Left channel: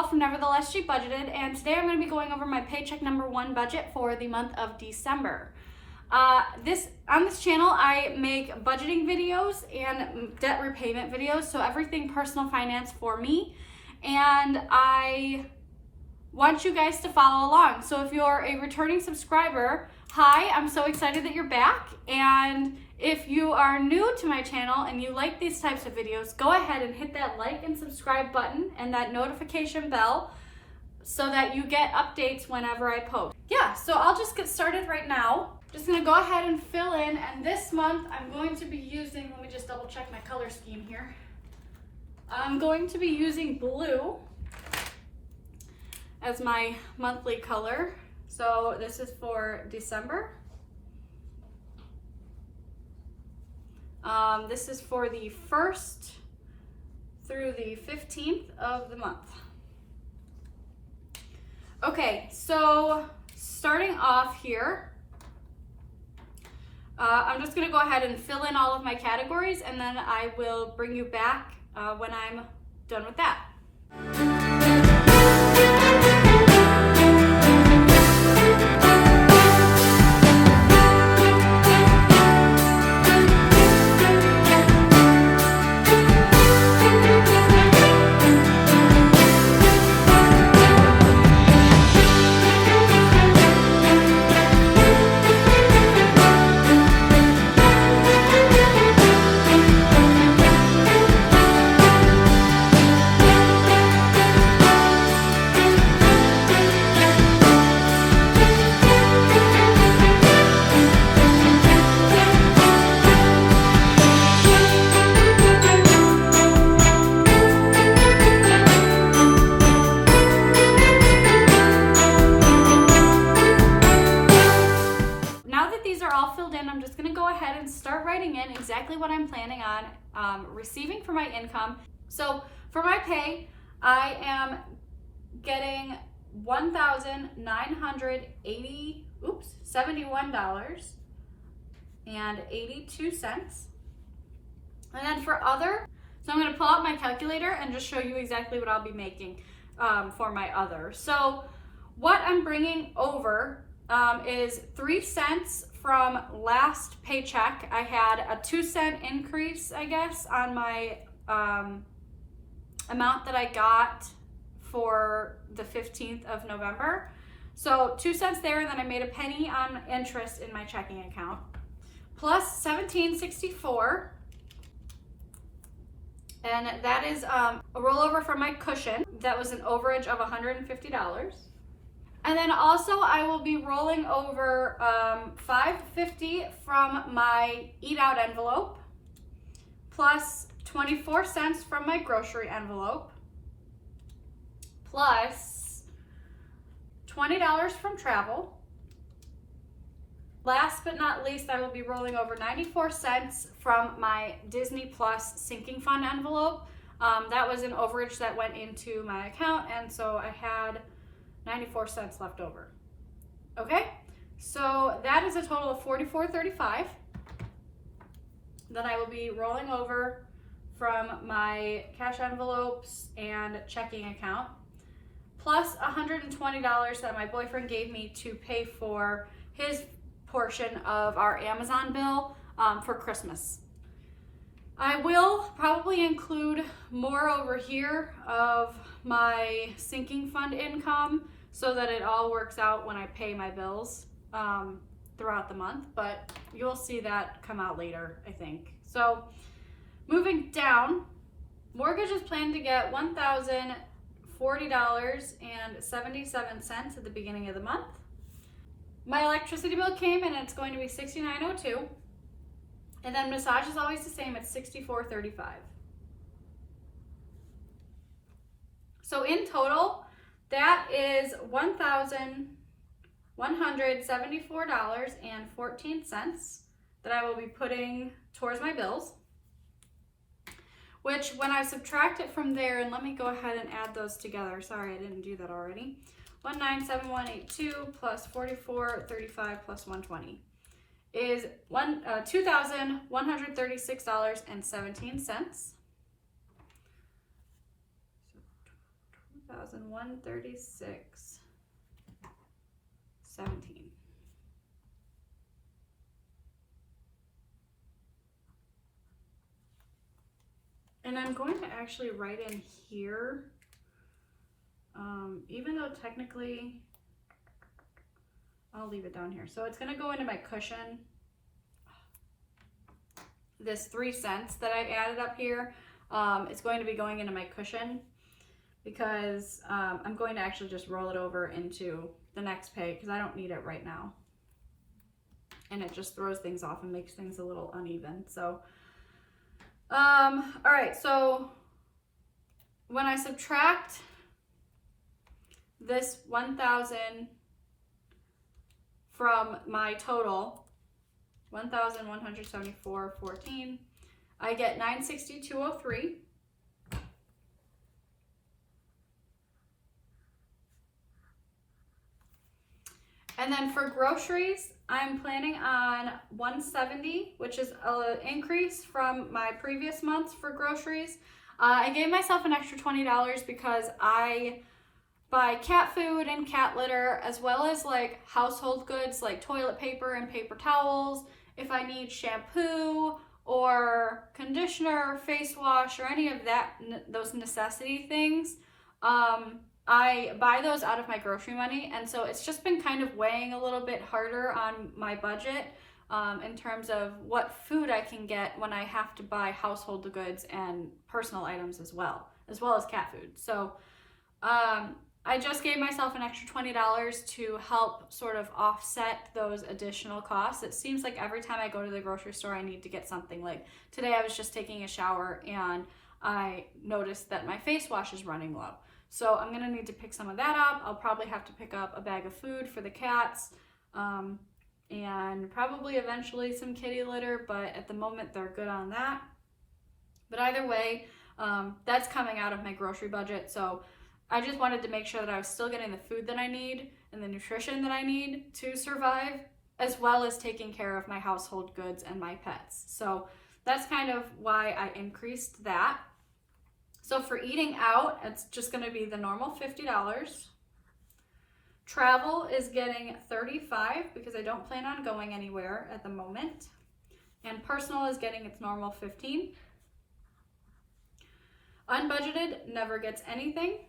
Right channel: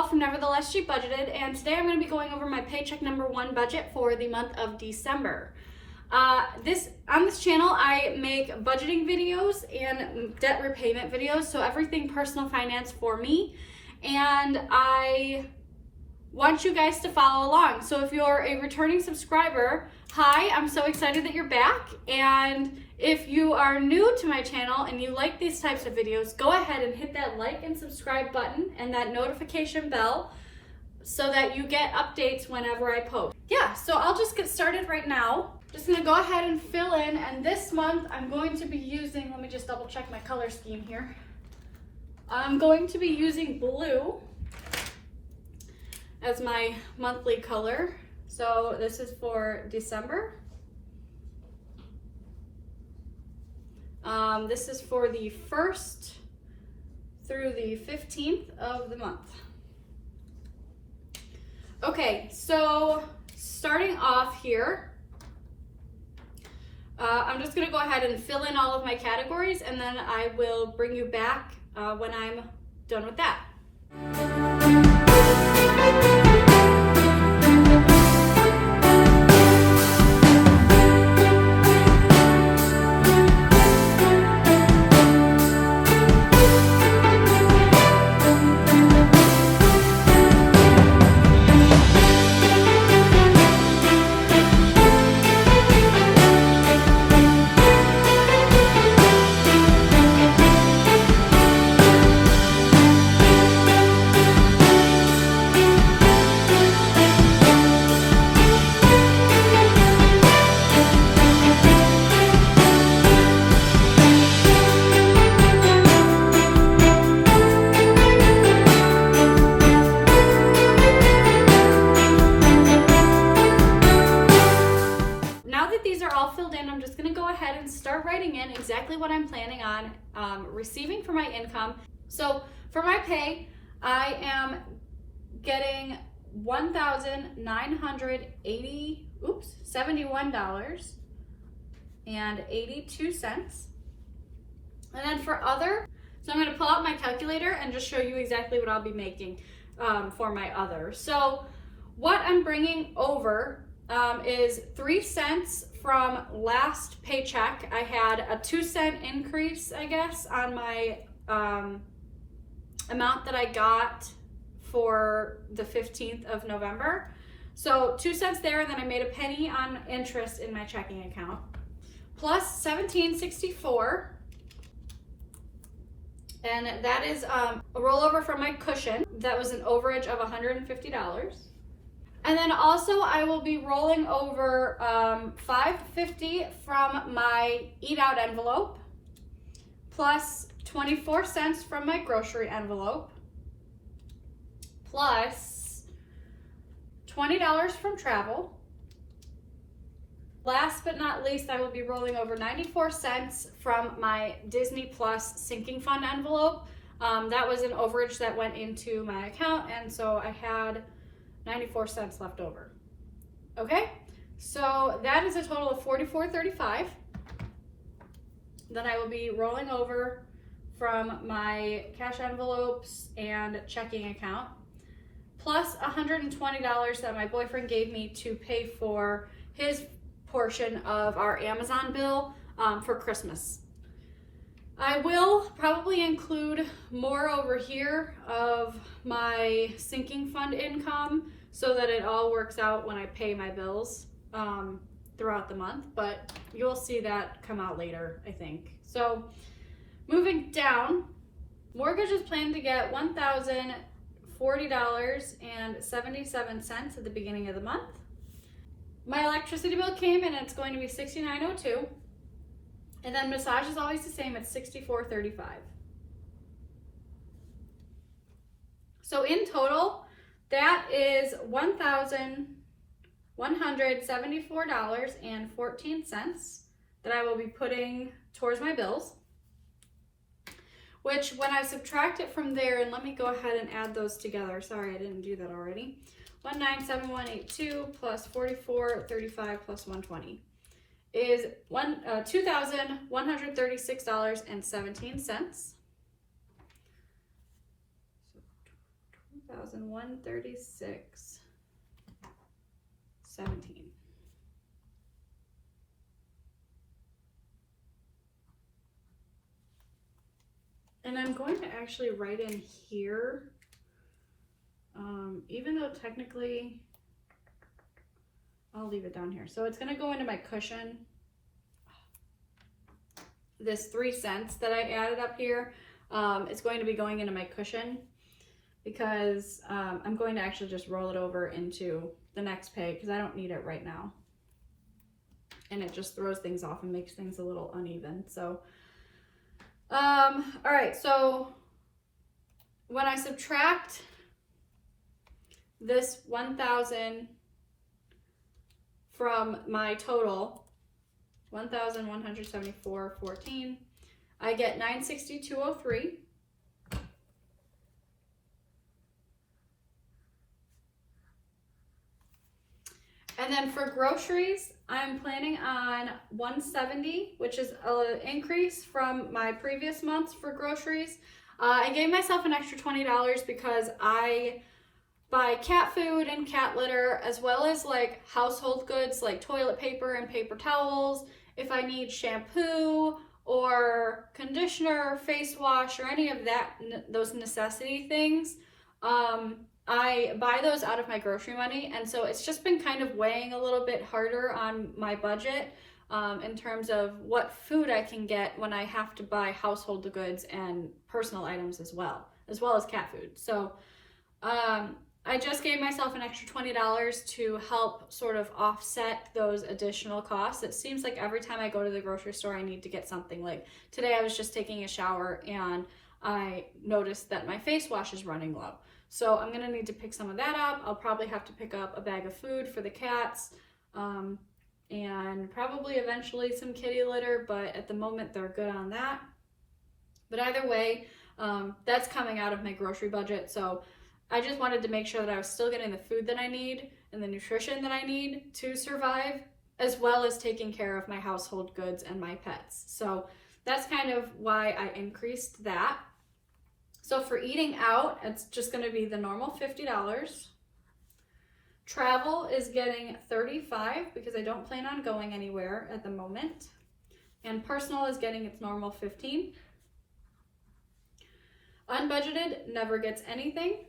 Paul from Nevertheless She Budgeted, and today I'm going to be going over my paycheck number 1 budget for the month of December. On this channel, I make budgeting videos and debt repayment videos, so everything personal finance for me, and I want you guys to follow along. So if you're a returning subscriber, hi, I'm so excited that you're back, and if you are new to my channel and you like these types of videos, go ahead and hit that like and subscribe button and that notification bell so that you get updates whenever I post. Yeah, so I'll just get started right now. Just gonna go ahead and fill in, and this month I'm going to be using, let me just double check my color scheme here. I'm going to be using blue as my monthly color. So this is for December. This is for the 1st through the 15th of the month. Okay, so starting off here, I'm just gonna go ahead and fill in all of my categories, and then I will bring you back when I'm done with that. I'm just gonna go ahead and start writing in exactly what I'm planning on receiving for my income. So for my pay, I am getting $71.82. And then for other, so I'm gonna pull out my calculator and just show you exactly what I'll be making for my other. So what I'm bringing over is 3 cents from last paycheck. I had a 2-cent increase, I guess, on my amount that I got for the 15th of November. So 2 cents there, and then I made a penny on interest in my checking account. Plus $17.64, and that is a rollover from my cushion. That was an overage of $150. And then also I will be rolling over $5.50 from my eat out envelope, plus 24 cents from my grocery envelope, plus $20 from travel. Last but not least, I will be rolling over 94 cents from my Disney Plus sinking fund envelope. That was an overage that went into my account, and so I had 94 cents left over. Okay, so that is a total of $44.35 that I will be rolling over from my cash envelopes and checking account, plus $120 that my boyfriend gave me to pay for his portion of our Amazon bill for Christmas. I will probably include more over here of my sinking fund income so that it all works out when I pay my bills throughout the month, but you'll see that come out later, I think. So moving down, mortgage is planned to get $1,040.77 at the beginning of the month. My electricity bill came and it's going to be $69.02. And then massage is always the same, it's $64.35. So in total, that is $1,174.14 that I will be putting towards my bills. Which, when I subtract it from there, and let me go ahead and add those together. Sorry, I didn't do that already. 197182 plus 4435 plus 120 is $2,136.17. 1,136.17. And I'm going to actually write in here, even though technically I'll leave it down here. So it's going to go into my cushion. This 3 cents that I added up here is going to be going into my cushion because I'm going to actually just roll it over into the next pay because I don't need it right now. And it just throws things off and makes things a little uneven. So, all right, so when I subtract this 1,000 from my total, 1,174.14, I get 962.03. And then for groceries, I'm planning on 170, which is an increase from my previous months for groceries. I gave myself an extra $20 because I buy cat food and cat litter, as well as like household goods like toilet paper and paper towels. If I need shampoo or conditioner, face wash, or any of that, those necessity things, I buy those out of my grocery money, and so it's just been kind of weighing a little bit harder on my budget in terms of what food I can get when I have to buy household goods and personal items as well as cat food. So I just gave myself an extra $20 to help sort of offset those additional costs. It seems like every time I go to the grocery store, I need to get something. Like today I was just taking a shower and I noticed that my face wash is running low. So I'm gonna need to pick some of that up. I'll probably have to pick up a bag of food for the cats and probably eventually some kitty litter, but at the moment they're good on that. But either way, that's coming out of my grocery budget. So I just wanted to make sure that I was still getting the food that I need and the nutrition that I need to survive, as well as taking care of my household goods and my pets. So that's kind of why I increased that. So for eating out, it's just going to be the normal $50. Travel is getting $35 because I don't plan on going anywhere at the moment. And personal is getting its normal $15. Unbudgeted never gets anything.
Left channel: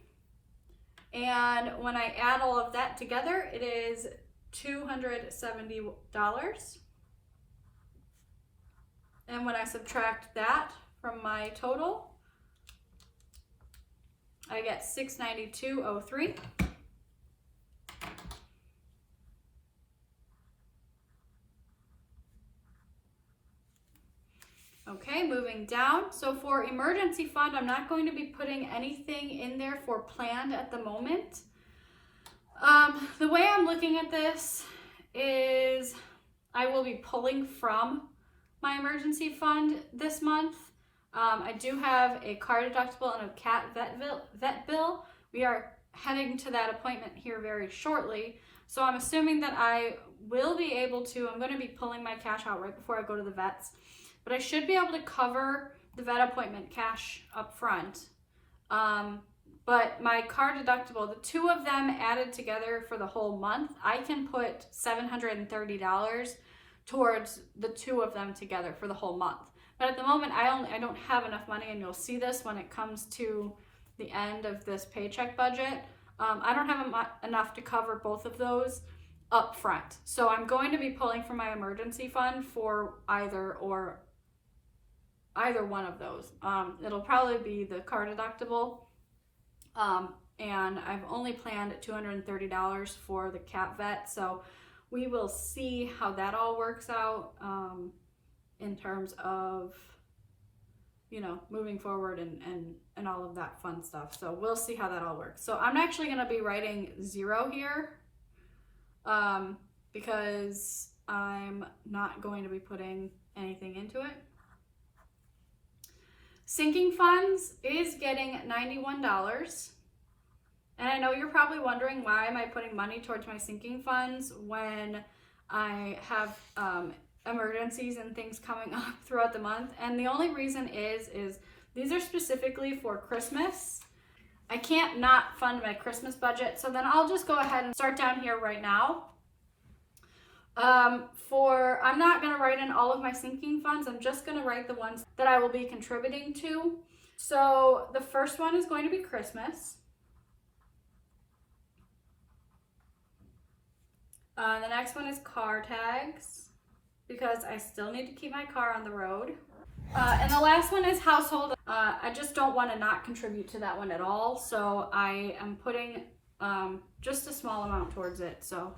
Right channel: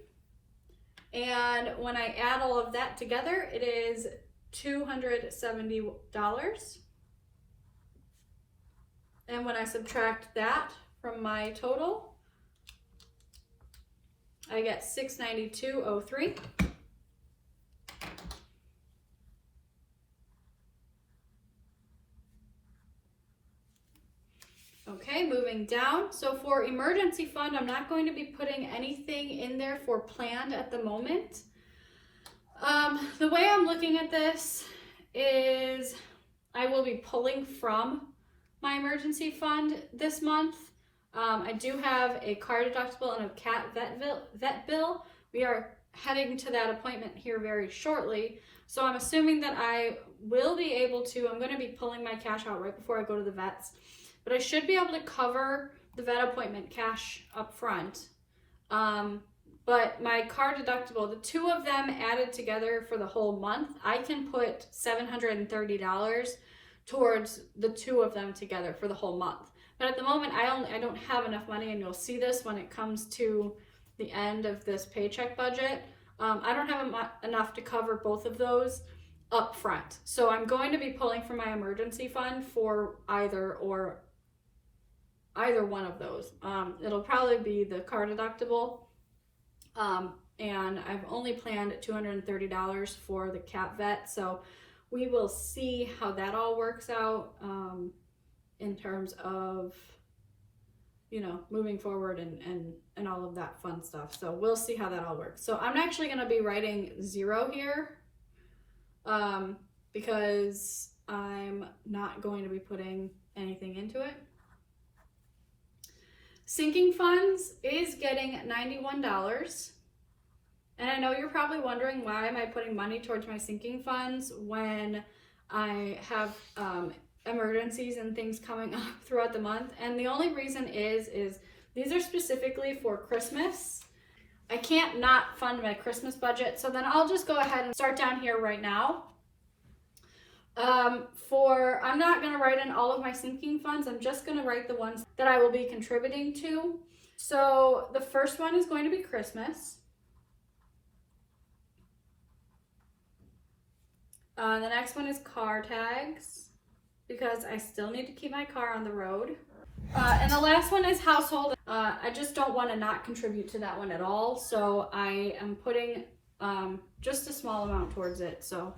And when I add all of that together, it is $270. And when I subtract that from my total, I get $692.03. Okay, moving down. So for emergency fund, I'm not going to be putting anything in there for planned at the moment. The way I'm looking at this is I will be pulling from my emergency fund this month. I do have a car deductible and a cat vet bill. We are heading to that appointment here very shortly. So I'm assuming that I will be able to, I'm going to be pulling my cash out right before I go to the vets. But I should be able to cover the vet appointment cash up front. But my car deductible, the two of them added together for the whole month, I can put $730 towards the two of them together for the whole month. But at the moment, I don't have enough money, and you'll see this when it comes to the end of this paycheck budget. I don't have enough to cover both of those up front. So I'm going to be pulling from my emergency fund for either one of those. It'll probably be the car deductible. And I've only planned $230 for the cat vet. So we will see how that all works out in terms of, moving forward and all of that fun stuff. So we'll see how that all works. So I'm actually going to be writing 0 here because I'm not going to be putting anything into it. Sinking funds is getting $91. And I know you're probably wondering, why am I putting money towards my sinking funds when I have emergencies and things coming up throughout the month? And the only reason is these are specifically for Christmas. I can't not fund my Christmas budget. So then I'll just go ahead and start down here right now. I'm not going to write in all of my sinking funds. I'm just going to write the ones that I will be contributing to. So the first one is going to be Christmas. The next one is car tags, because I still need to keep my car on the road. And the last one is household. I just don't want to not contribute to that one at all. So I am putting just a small amount towards it. So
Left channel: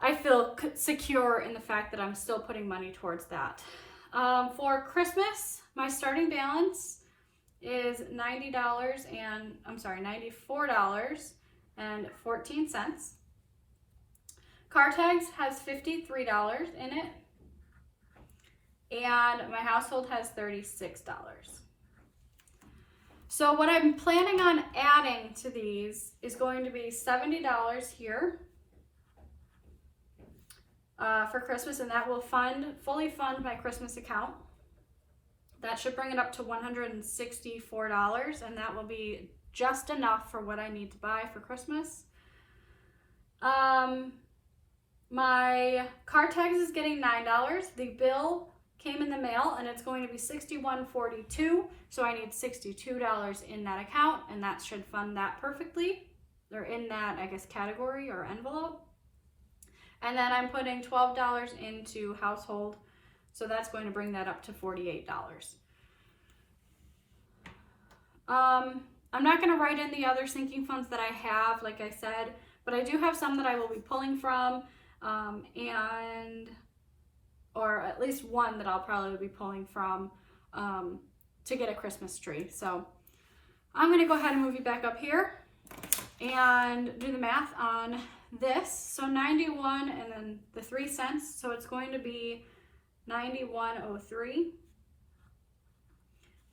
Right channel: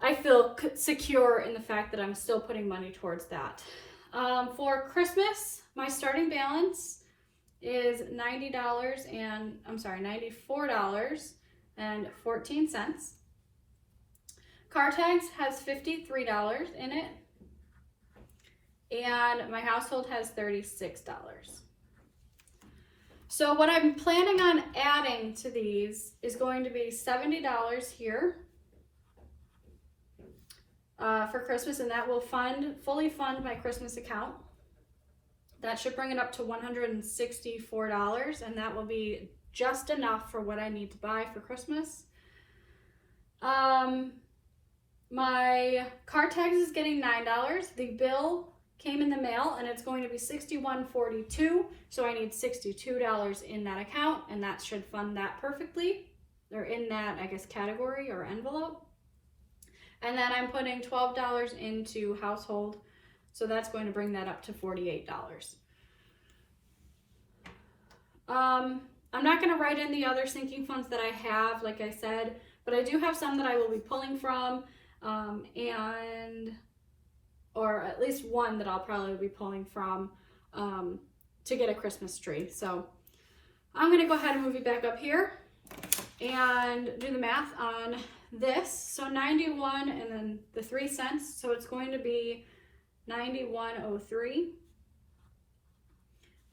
I feel secure in the fact that I'm still putting money towards that. For Christmas, my starting balance is $94.14. Car tags has $53 in it, and my household has $36. So what I'm planning on adding to these is going to be $70 here for Christmas, and that will fully fund my Christmas account. That should bring it up to $164, and that will be just enough for what I need to buy for Christmas. My car tags is getting $9. The bill came in the mail and it's going to be $61.42. So I need $62 in that account, and that should fund that perfectly, or in that, I guess, category or envelope. And then I'm putting $12 into household. So that's going to bring that up to $48. I'm not going to write in the other sinking funds that I have, like I said, but I do have some that I will be pulling from. Or at least one that I'll probably be pulling from to get a Christmas tree. So I'm going to go ahead and move you back up here and do the math on this. So 91 and then the 3 cents. So it's going to be 91.03.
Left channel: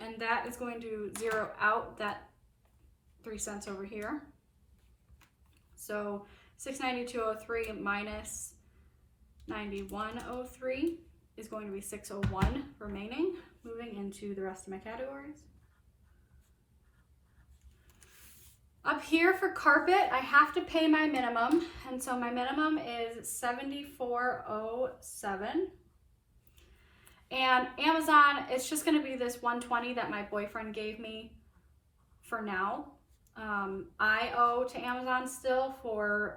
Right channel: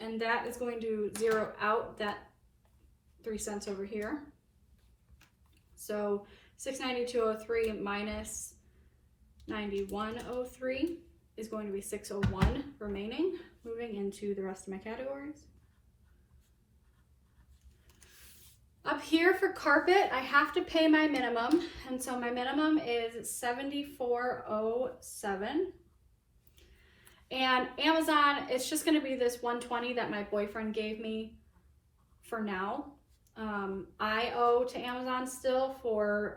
And that is going to zero out that 3 cents over here. So 692.03 minus 91.03 is going to be 601 remaining. Moving into the rest of my categories. Up here for carpet, I have to pay my minimum, and so my minimum is $74.07. And Amazon, it's just going to be this $120 that my boyfriend gave me for now. I owe to Amazon still for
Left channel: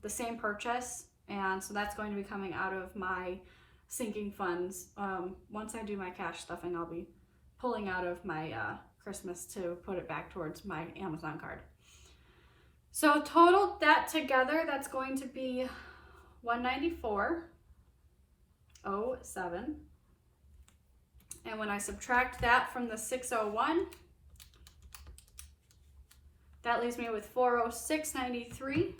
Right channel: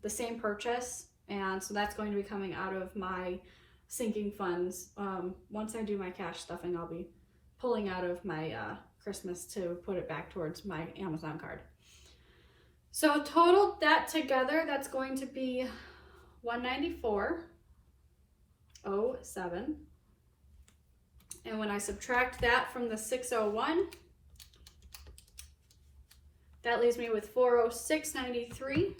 the same purchase, and so that's going to be coming out of my sinking funds. Once I do my cash stuffing, I'll be pulling out of my Christmas to put it back towards my Amazon card. So total that together, that's going to be $194.07. And when I subtract that from the 601, that leaves me with $406.93.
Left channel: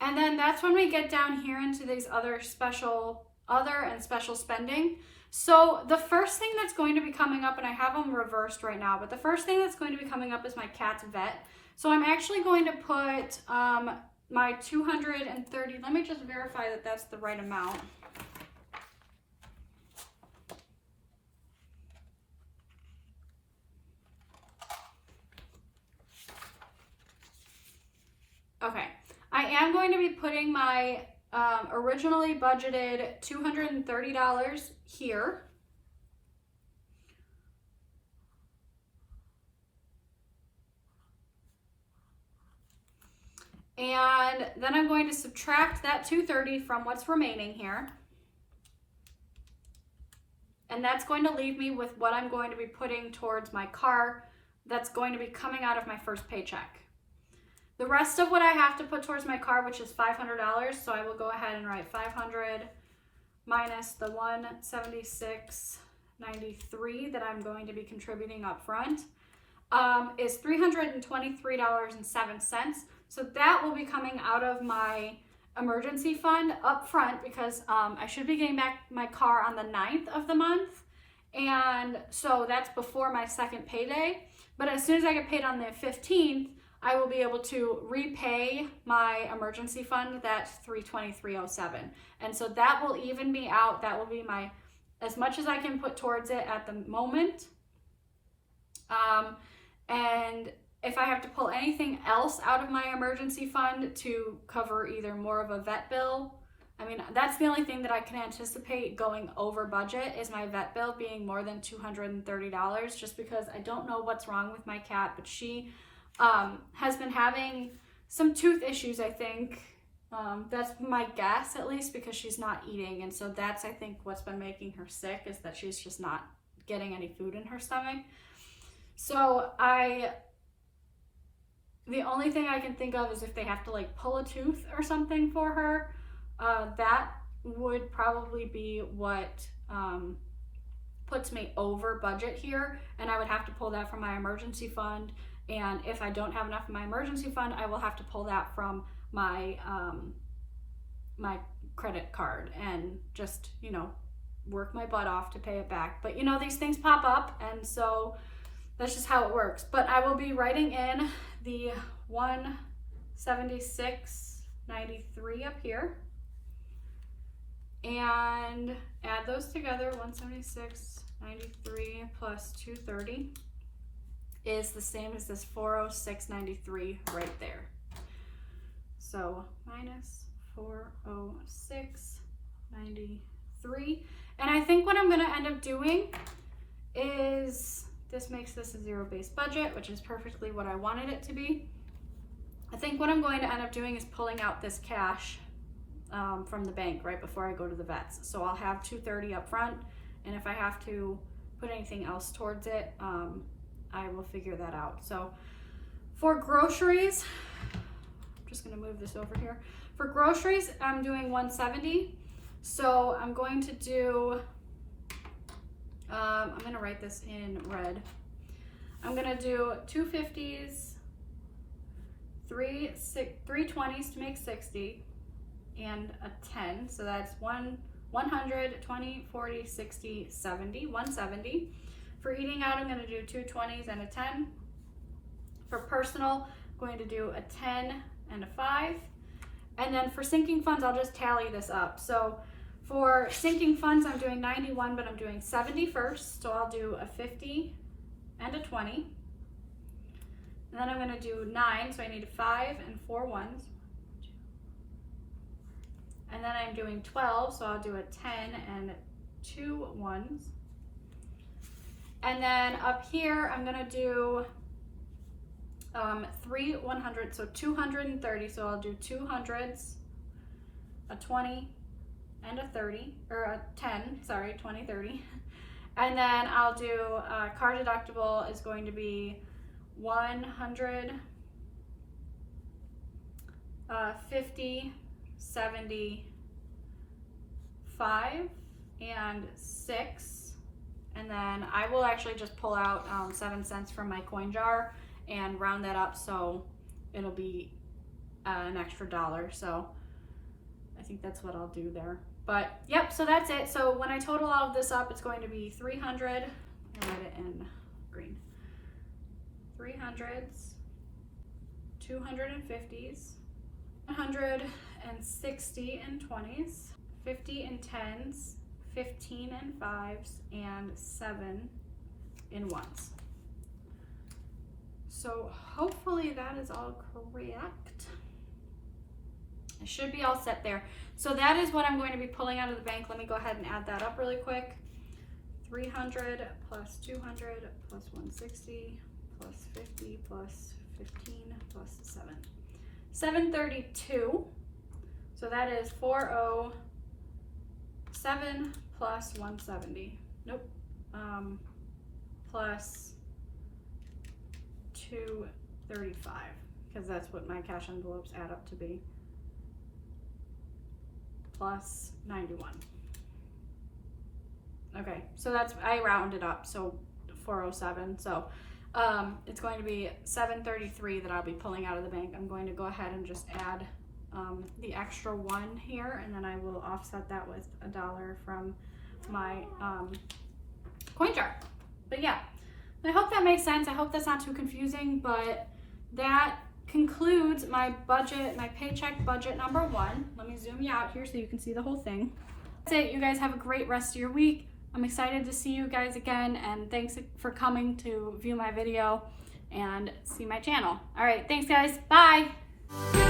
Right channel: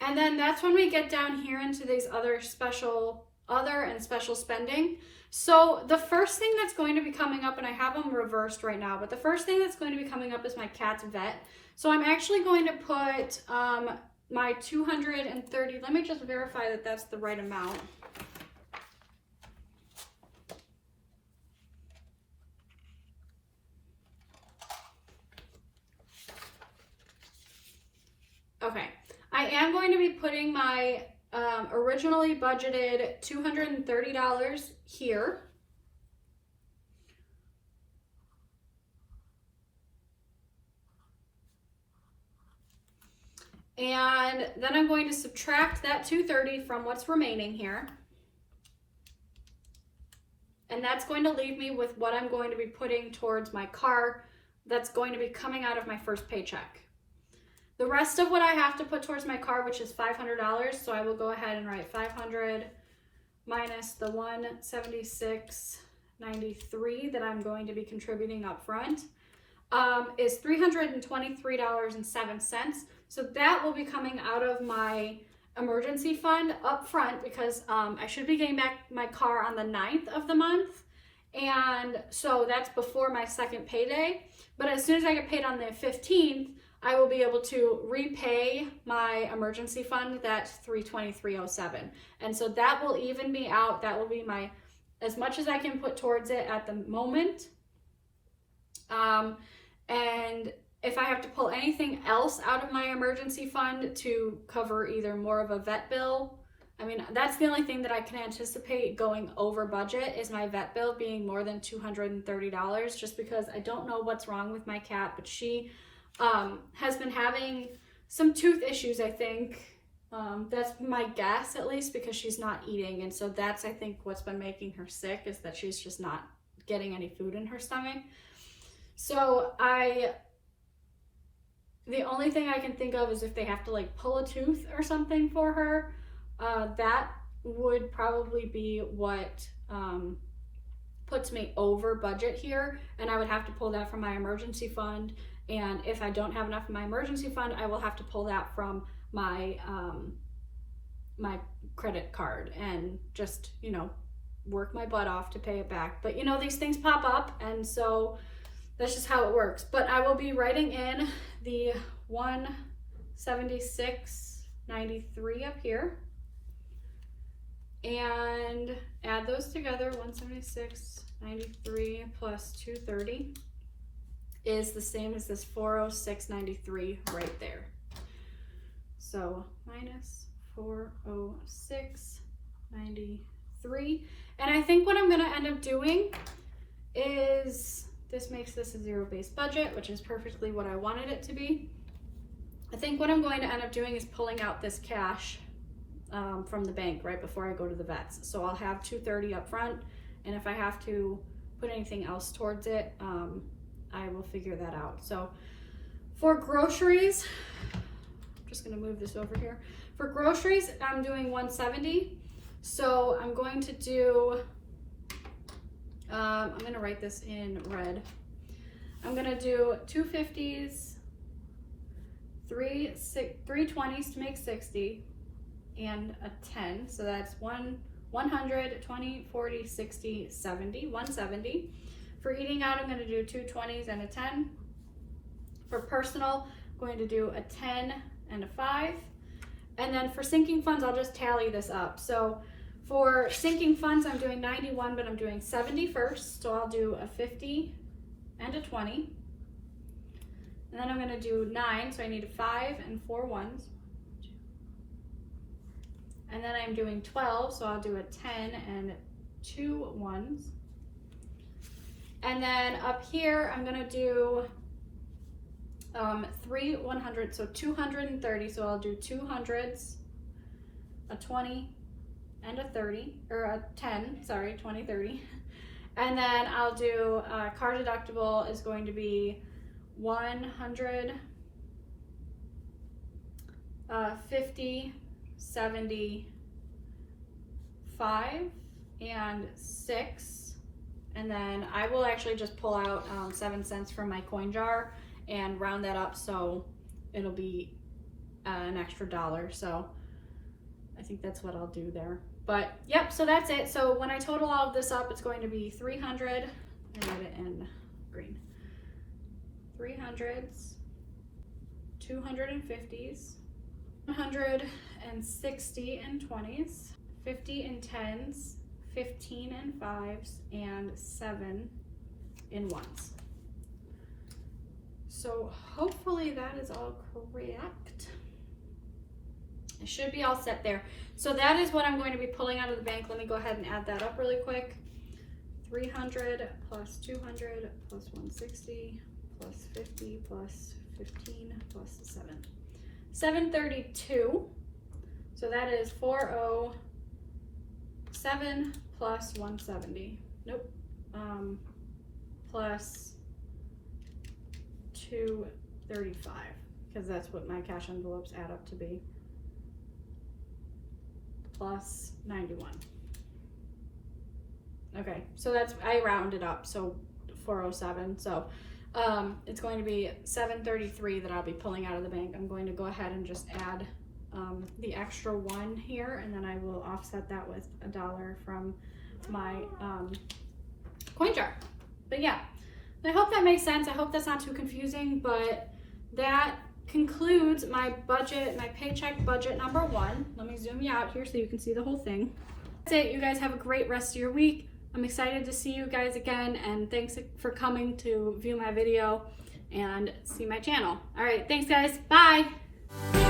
And then that's when we get down here into these other and special spending. So the first thing that's going to be coming up, and I have them reversed right now, but the first thing that's going to be coming up is my cat's vet. So I'm actually going to put my $230, let me just verify that that's the right amount. Okay, I am going to be putting my originally budgeted $230 here. And then I'm going to subtract that $230 from what's remaining here. And that's going to leave me with what I'm going to be putting towards my car that's going to be coming out of my first paycheck. The rest of what I have to put towards my car, which is $500, so I will go ahead and write 500 minus the $176.93 that I'm going to be contributing up front, is $323.07. So that will be coming out of my emergency fund up front, because I should be getting back my car on the 9th of the month. And so that's before my second payday. But as soon as I get paid on the 15th, I will be able to repay my emergency fund, that $323.07. And so that will even me out. That will be my as much as I can put towards it at the moment. And if I have to pull anything else out of my emergency fund to cover either more of a vet bill, I mean, that's the only thing that I can anticipate going over budget is my vet bill being more than $230, just because I don't know what's wrong with my cat, but she has been having some tooth issues, I think. That's my guess, at least, because she's not eating. And so that's, I think, what's been making her sick, is that she's just not getting any food in her stomach. So the only thing I can think of is if they have to like pull a tooth or something for her, that would probably be what puts me over budget here. And I would have to pull that from my emergency fund. And if I don't have enough in my emergency fund, I will have to pull that from my my credit card and just, you know, work my butt off to pay it back. But you know, these things pop up, and so that's just how it works. But I will be writing in the $176.93 up here and add those together. $176.93 plus $230 is the same as this $406.93 right there. So minus $406.93. And I think what I'm going to end up doing is, this makes this a zero-based budget, which is perfectly what I wanted it to be. I think what I'm going to end up doing is pulling out this cash from the bank right before I go to the vets. So I'll have $230 up front, and if I have to put anything else towards it, I will figure that out. So for groceries, I'm just going to move this over here. For groceries, I'm doing $170. So I'm going to do, I'm going to write this in red. I'm going to do 2 50s, 3 20s to make 60, and a 10. So that's 100, 20, 40, 60, 70, 170. For eating out, I'm going to do 2 20s and a 10. For personal, I'm going to do a 10 and a 5. And then for sinking funds, I'll just tally this up. So for sinking funds, I'm doing 91, but I'm doing 70 first. So I'll do a 50 and a 20. And then I'm going to do 9, so I need a 5 and 4 ones. And then I'm doing 12, so I'll do a 10 and 2 ones. And then up here, I'm going to do 3 100, so 230. So I'll do 2 hundreds, a 20, and a 30, or a 10, sorry, 20, 30. And then I'll do car deductible is going to be 100, 50, 70, 5, and 6. And then I will actually just pull out 7 cents from my coin jar and round that up so it'll be an extra $1. So I think that's what I'll do there. But yep, so that's it. So when I total all of this up, it's going to be 300, and write it in green, 300s, 250s, 160 and 20s, 50 and 10s, 15 and 5s, and 7 in 1s. So hopefully that is all correct. It should be all set there. So that is what I'm going to be pulling out of the bank. Let me go ahead and add that up really quick. 300 plus 200 plus 160 plus 50 plus 15 plus 7. 732. So that is 407 plus 170. Nope. Plus 235, because that's what my cash envelopes add up to be. Plus 91. Okay, so that's, I rounded up, so 407. So it's going to be 733 that I'll be pulling out of the bank. I'm going to go ahead and just add the extra 1 here, and then I will offset that with $1 from my coin jar. But yeah, I hope that makes sense. I hope that's not too confusing, but that concludes my budget, my paycheck budget number 1. Let me zoom you out here so you can see the whole thing. That's it. You guys have a great rest of your week. I'm excited to see you guys again, and thanks for coming to view my video and see my channel. All right, thanks guys, bye.